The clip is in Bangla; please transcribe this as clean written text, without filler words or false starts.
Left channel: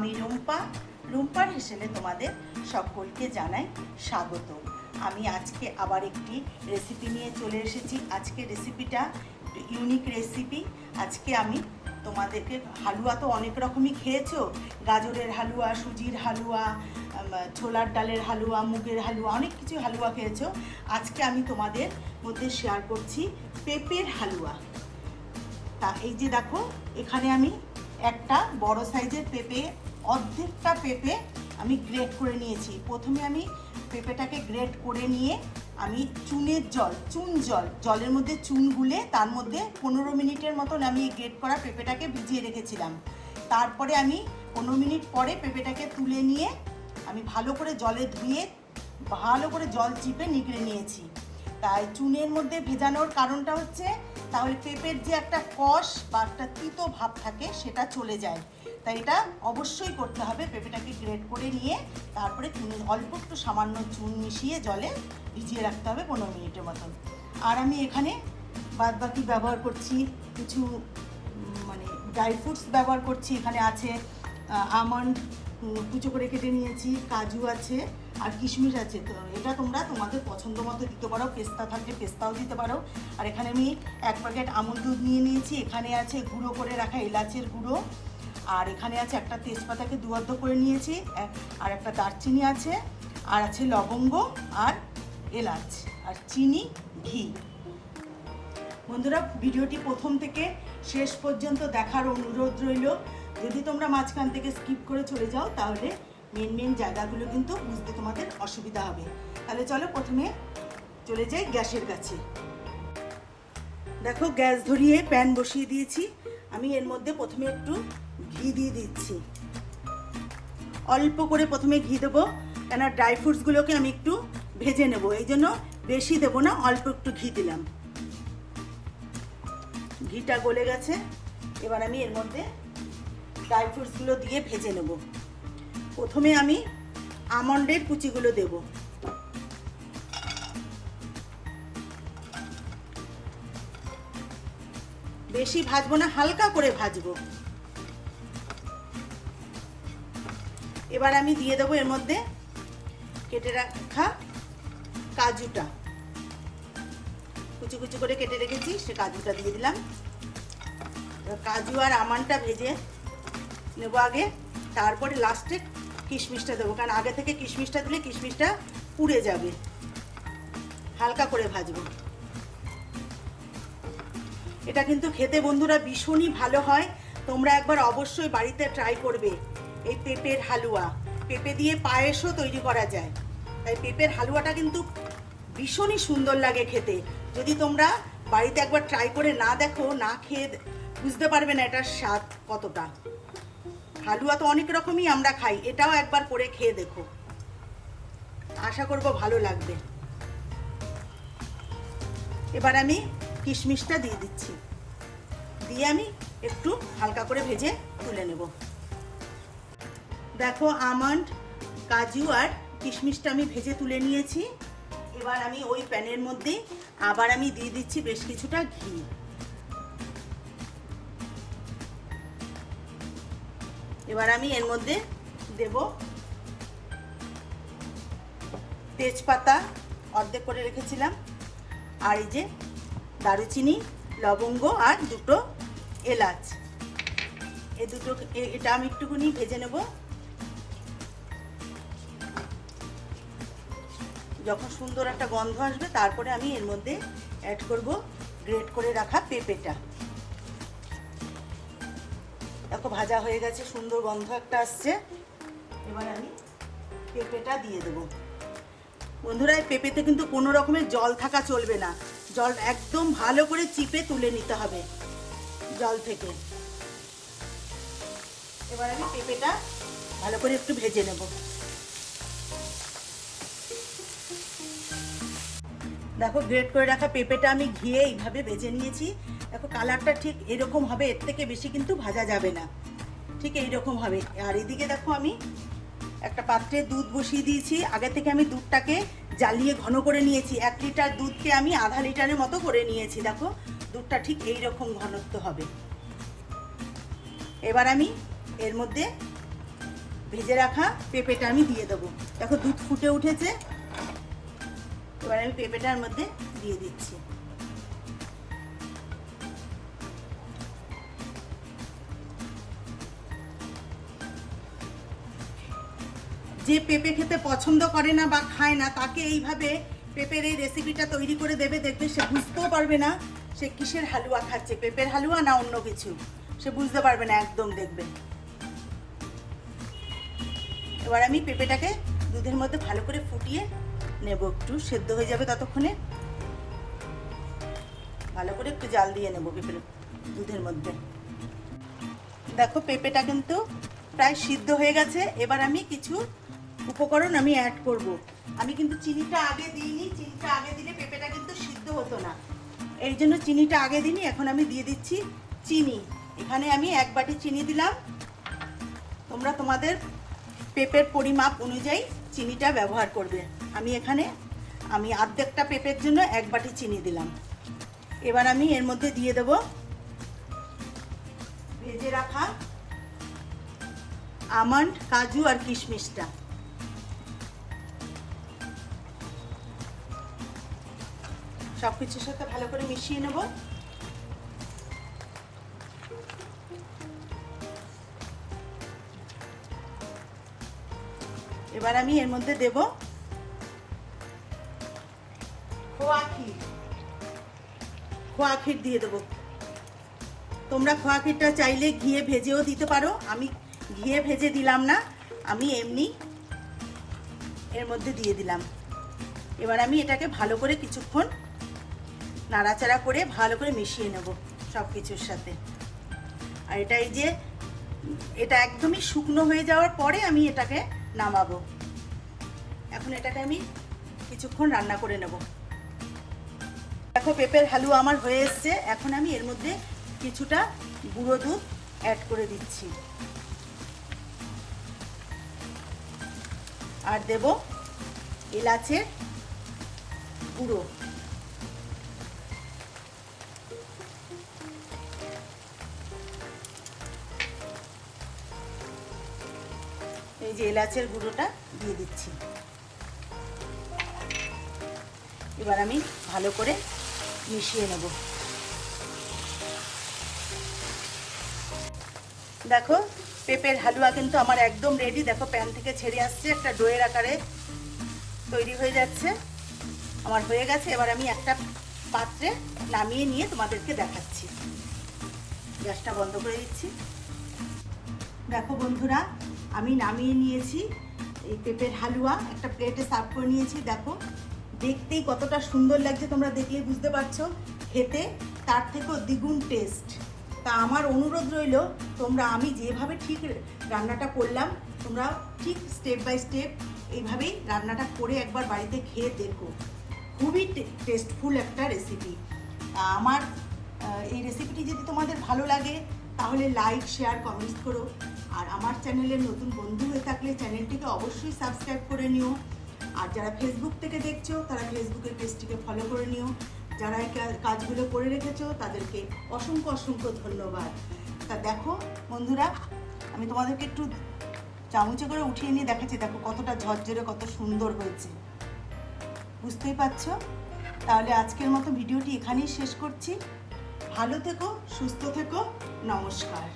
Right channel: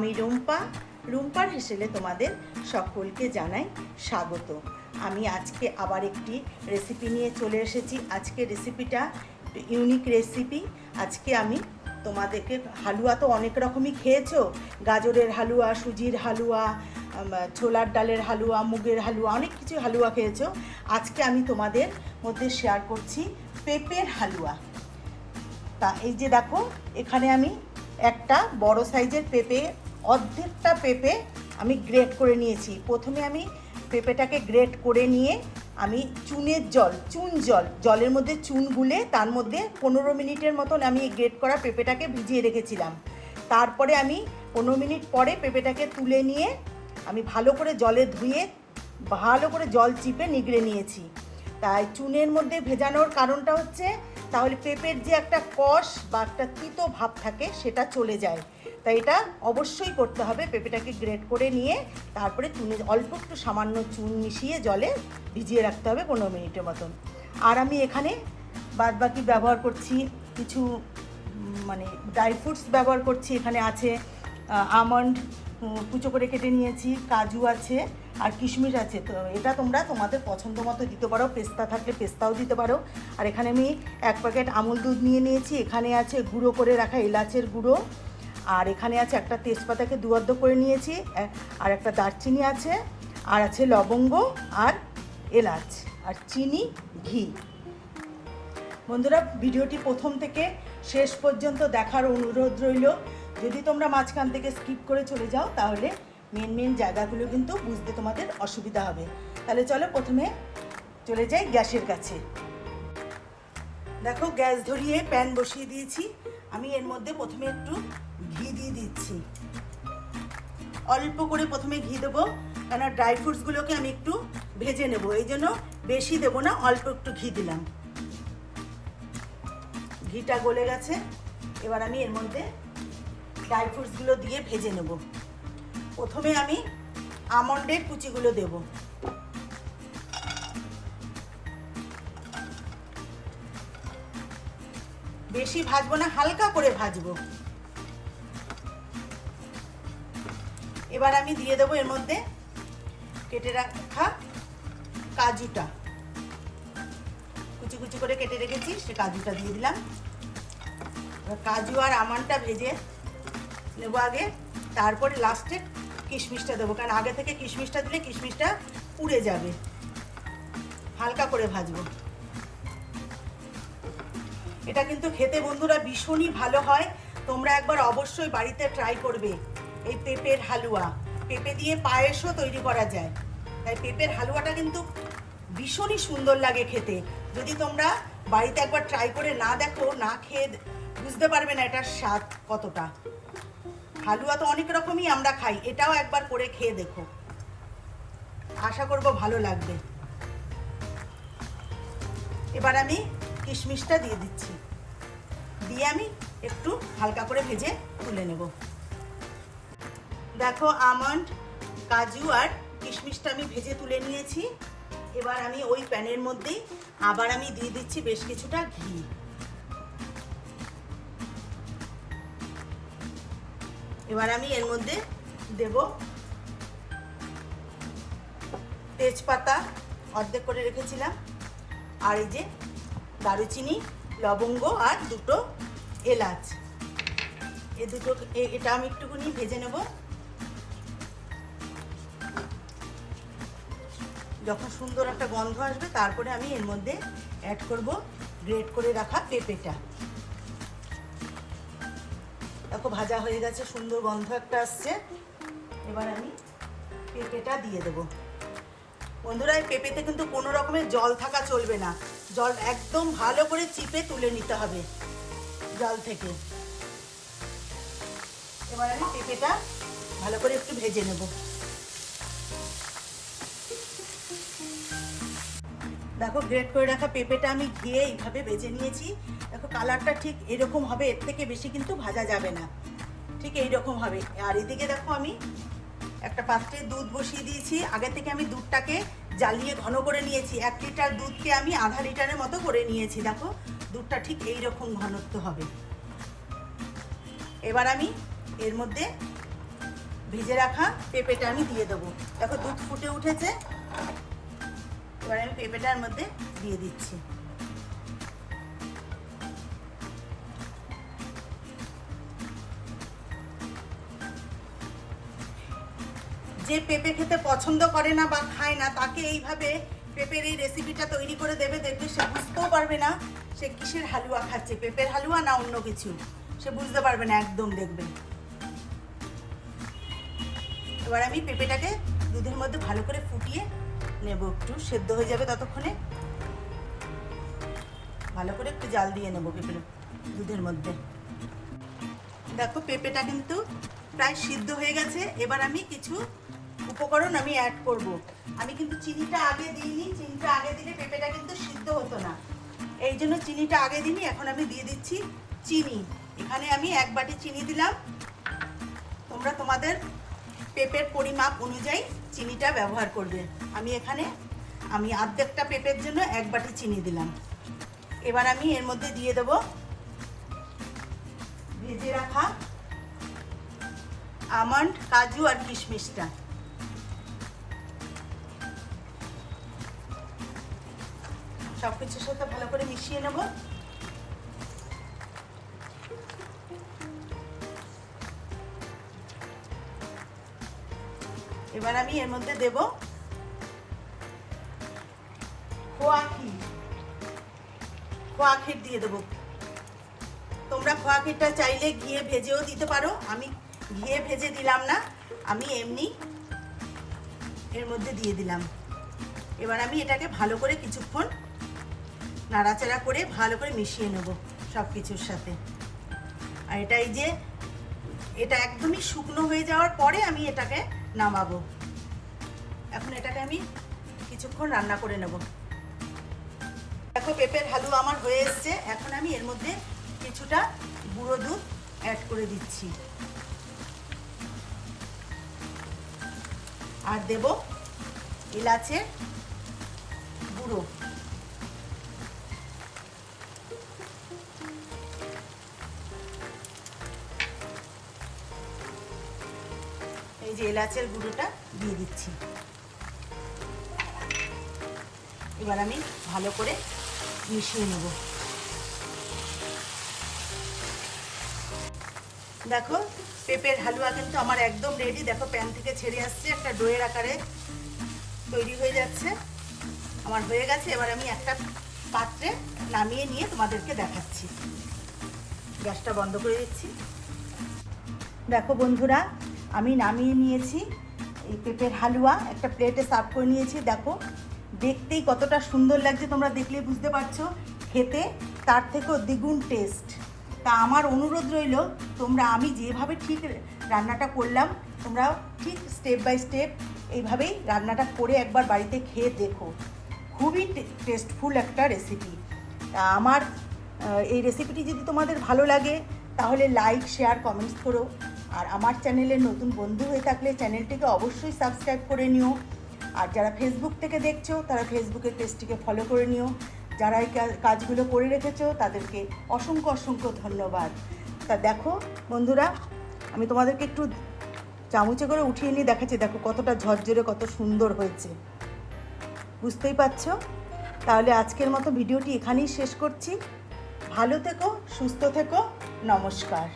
আমি রুম্পার হেসেলে তোমাদের সকলকে জানাই স্বাগত। আমি আজকে আবার একটি রেসিপি নিয়ে চলে এসেছি। আজকে রেসিপিটা ইউনিক রেসিপি। আজকে আমি তোমাদেরকে, হালুয়া তো অনেক রকমই খেয়েছো, গাজরের হালুয়া, সুজির হালুয়া, ছোলার ডালের হালুয়া, মুগের হালুয়া, অনেক কিছু হালুয়া খেয়েছো। আজকে আমি তোমাদের মধ্যে শেয়ার করছি পেঁপের হালুয়া। তা এই যে দেখো, এখানে আমি একটা বড় সাইজের পেঁপে, অর্ধেকটা পেঁপে আমি গ্রেট করে নিয়েছি। প্রথমে আমি পেঁপেটাকে গ্রেট করে নিয়ে আমি জলের মধ্যে চুন গুলে তার মধ্যে 15 মিনিটের মতন আমি গ্রেট করা পেঁপেটাকে ভিজিয়ে রেখেছিলাম। তারপরে আমি 15 মিনিট পরে পেঁপেটাকে তুলে নিয়ে আমি ভালো করে জলে ধুয়ে ভালো করে জল চিপে নিগড়ে নিয়েছি। তাই চুনের মধ্যে ভেজানোর কারণটা হচ্ছে তাহলে পেঁপের যে একটা কষ বা একটা তিতো ভাব থাকে সেটা চলে যায়। তাই এটা অবশ্যই করতে হবে। পেঁপেটাকে গ্রেট করে নিয়ে তারপরে চুনে অল্প একটু সামান্য চুন মিশিয়ে জলে ভিজিয়ে রাখতে হবে 15 মিনিটের মতন। আর আমি এখানে বাদবাকি ব্যবহার করছি কিছু ড্রাই ফ্রুটস ব্যবহার করছি। এখানে আছে আমন্ড কুচো করে কেটে নিয়েছি, কাজু আছে আর কিশমিশ আছে। তো এটা তোমরা তোমাদের পছন্দ মতো দিতে পারো, পেস্তা থাকলে পেস্তাও দিতে পারো। আর এখানে আমি 1 প্যাকেট আমুল দুধ নিয়ে নিয়েছি। এখানে আছে গুঁড়ো করে রাখা এলাচের গুঁড়ো, আর এখানে আছে একটা তেজপাতাকে দুয়ার্ধ করে নিয়েছি, আর একটা দারচিনি আছে, আর আছে লবঙ্গ আর এলাচ আর চিনি, ঘি। বন্ধুরা, ভিডিওটি প্রথম থেকে শেষ পর্যন্ত দেখার অনুরোধ রইল। যদি তোমরা মাঝখান থেকে স্কিপ করে চলে যাও তাহলে মেন জায়গাগুলো কিন্তু বুঝতে তোমাদের অসুবিধা হবে। তাহলে চলো প্রথমে চলে যাই গ্যাসের কাছে। দেখো, গ্যাস ধরিয়ে প্যান বসিয়ে দিয়েছি। আমি এর মধ্যে প্রথমে একটু ঘি দিয়ে দিচ্ছি। অল্প করে প্রথমে ঘি দেবো, কেন ড্রাই ফ্রুটসগুলোকে আমি একটু ভেজে নেব, এই জন্য বেশি দেবো না, অল্প একটু ঘি দিলাম। ঘিটা গলে গেছে। এবার আমি এর মধ্যে ড্রাই ফ্রুটসগুলো দিয়ে ভেজে নেব। প্রথমে আমি আমন্ডের কুচিগুলো দেব। বেশি ভাজবো না, হালকা করে ভাজবো। এবার আমি দিয়ে দেবো এর মধ্যে কেটে রাখা কাজুটা, কুচি কুচি করে কেটে রেখেছি, সে কাজুটা দিয়ে দিলাম। কাজু আর আমন্ডটা ভেজে নেবো আগে, তারপরে লাস্টে কিশমিশটা দেবো, কারণ আগে থেকে কিশমিশটা দিলে কিশমিশটা পুড়ে যাবে। হালকা করে ভাজবো। এটা কিন্তু খেতে বন্ধুরা ভীষণই ভালো হয়। তোমরা একবার অবশ্যই বাড়িতে ট্রাই করবে এই পেঁপের হালুয়া। পেঁপে দিয়ে পায়েসও তৈরি করা যায়। তাই পেঁপের হালুয়াটা কিন্তু ভীষণই সুন্দর লাগে খেতে। যদি তোমরা বাড়িতে একবার ট্রাই করে না দেখো, না খেয়ে বুঝতে পারবে না এটার স্বাদ কতটা। হালুয়া তো অনেক রকমই আমরা খাই, এটাও একবার করে খেয়ে দেখো, আশা করব ভালো লাগবে। এবার আমি কিশমিশটা দিয়ে দিচ্ছি, দিয়ে আমি একটু হালকা করে ভেজে তুলে নেব। দেখো, আমন্ড, কাজু আর কিশমিশটা আমি ভেজে তুলে নিয়েছি। এবার আমি ওই প্যানের মধ্যে আবার আমি দিয়ে দিচ্ছি বেশ কিছুটা ঘি। এবার আমি এর মধ্যে দেব তেজপাতা অর্ধেক করে রেখেছিলাম, আর এই যে দারুচিনি, লবঙ্গ আর দুটো এলাচ, এটা আমি একটুখানি ভেজে নেব। যখন সুন্দর একটা গন্ধ আসবে তারপরে আমি এর মধ্যে অ্যাড করব গ্রেট করে রাখা পেঁপেটা। দেখো, ভাজা হয়ে গেছে, সুন্দর গন্ধ একটা আসছে। এবার আমি পেঁপেটা দিয়ে দেব। বন্ধুরা, এই পেঁপেতে কিন্তু কোনো রকমের জল থাকা চলবে না, জল একদম ভালো করে চিপে তুলে নিতে হবে জল থেকে। এবার আমি পেঁপেটা ভালো করে একটু ভেজে নেব। দেখো, গ্রেট করে রাখা পেঁপেটা আমি ঘিয়ে এইভাবে ভেজে নিয়েছি। দেখো, কালারটা ঠিক এরকম হবে, এর থেকে বেশি কিন্তু ভাজা যাবে না, ঠিক এইরকম হবে। আর এদিকে দেখো, আমি একটা পাত্রে দুধ বসিয়ে দিয়েছি। আগে থেকে আমি দুধটাকে জ্বালিয়ে ঘন করে নিয়েছি। 1 লিটার দুধকে আমি আধা লিটারের মতো করে নিয়েছি। দেখো, দুধটা ঠিক এইরকম ঘনত্ব হবে। এবার আমি এর মধ্যে ভেজে রাখা পেঁপেটা আমি দিয়ে দেবো। দেখো দুধ ফুটে উঠেছে, এবার আমি পেঁপেটার মধ্যে দিয়ে দিচ্ছি। যে পেঁপে খেতে পছন্দ করে না বা খায় না, তাকে এইভাবে পেঁপের এই রেসিপিটা তৈরি করে দেবে, দেখবে সে বুঝতেও পারবে না সে কিসের হালুয়া খাচ্ছে, পেঁপের হালুয়া না অন্য কিছু, সে বুঝতে পারবে না একদম, দেখবে। এবার আমি পেঁপেটাকে দুধের মধ্যে ভালো করে ফুটিয়ে নেব, একটু সেদ্ধ হয়ে যাবে ততক্ষণে। ভালো করে একটু জাল দিয়ে নেবো পেঁপে দুধের মধ্যে। দেখো পেঁপেটা কিন্তু প্রায় সিদ্ধ হয়ে গেছে। এবার আমি কিছু উপকরণ আমি অ্যাড করব। আমি কিন্তু চিনিটা আগে দিইনি, চিনিটা আগে দিলে পেঁপেটা কিন্তু সিদ্ধ হতো না, এই জন্য চিনিটা আগে দিইনি। এখন আমি দিয়ে দিচ্ছি চিনি। এখানে আমি 1 বাটি চিনি দিলাম। তোমরা তোমাদের পেঁপের পরিমাপ অনুযায়ী চিনিটা ব্যবহার করবে। আমি অর্ধেকটা পেঁপের জন্য 1 বাটি চিনি দিলাম। এবার আমি এর মধ্যে দিয়ে দেব ভেজে রাখা আমন্ড, কাজু আর কিশমিশটা। সবকিছুর সাথে ভালো করে মিশিয়ে নেব। এবার আমি এর মধ্যে দেব খোয়া ক্ষীর দিয়ে দেবো। তোমরা খোয়া ক্ষীরটা চাইলে ঘিয়ে ভেজেও দিতে পারো, আমি ঘিয়ে ভেজে দিলাম না, আমি এমনি এর মধ্যে দিয়ে দিলাম। এবার আমি এটাকে ভালো করে কিছুক্ষণ নাড়াচাড়া করে ভালো করে মিশিয়ে নেব সব কিছুর সাথে। আর এটা একদমই শুকনো হয়ে যাওয়ার পরে আমি এটাকে নামাবো। এখন এটাকে আমি কিছুক্ষণ রান্না করে নেব। দেখো পেঁপের হালুয়া আমার হয়ে এসছে। এখন আমি এর মধ্যে কিছুটা গুঁড়ো দুধ অ্যাড করে দিচ্ছি আর দেব এলাচের গুঁড়ো। এই যে এলাচের গুঁড়োটা দিয়ে দিচ্ছি। এবার আমি ভালো করে মিশিয়ে নেব। দেখো পেঁপের হালুয়া কিন্তু আমার একদম রেডি। দেখো প্যান থেকে ছেড়ে আসছে, একটা ডোয়ের আকারে তৈরি হয়ে যাচ্ছে, আমার হয়ে গেছে। এবার আমি একটা পাত্রে নামিয়ে নিয়ে তোমাদেরকে দেখাচ্ছি। গ্যাসটা বন্ধ করে দিচ্ছি। দেখো বন্ধুরা, আমি নামিয়ে নিয়েছি এই পেঁপের হালুয়া, একটা প্লেটে সার্ভ করে নিয়েছি। দেখো দেখতেই কতটা সুন্দর লাগছে, তোমরা দেখলেই বুঝতে পারছো, খেতে তার থেকেও দ্বিগুণ টেস্ট। তা আমার অনুরোধ রইল, আমি যেভাবে ঠিক রান্নাটা করলাম, তোমরা ঠিক স্টেপ বাই স্টেপ এইভাবেই রান্নাটা করে একবার বাড়িতে খেয়ে দেখো। খুবই টেস্টফুল একটা রেসিপি। তা আমার এই রেসিপিটি যদি তোমাদের ভালো লাগে তাহলে লাইক, শেয়ার, কমেন্টস করো। আর আমার চ্যানেলের নতুন বন্ধু হয়ে থাকলে চ্যানেলটিকে অবশ্যই সাবস্ক্রাইব করে নিও। আর যারা ফেসবুক থেকে দেখছো তারা ফেসবুকের পেজটিকে ফলো করে নিও। যারা এই কাজগুলো করে রেখেছো তাদেরকে অসংখ্য অসংখ্য ধন্যবাদ। তা দেখো বন্ধুরা, আমি তোমাদেরকে একটু চামচে করে উঠিয়ে নিয়ে দেখাচ্ছি। দেখো কতটা ঝরঝরে, কত সুন্দর হয়েছে, বুঝতেই পারছো। তাহলে আজকের মতো ভিডিওটি এখানেই শেষ করছি। ভালো থেকো, সুস্থ থেকো, নমস্কার।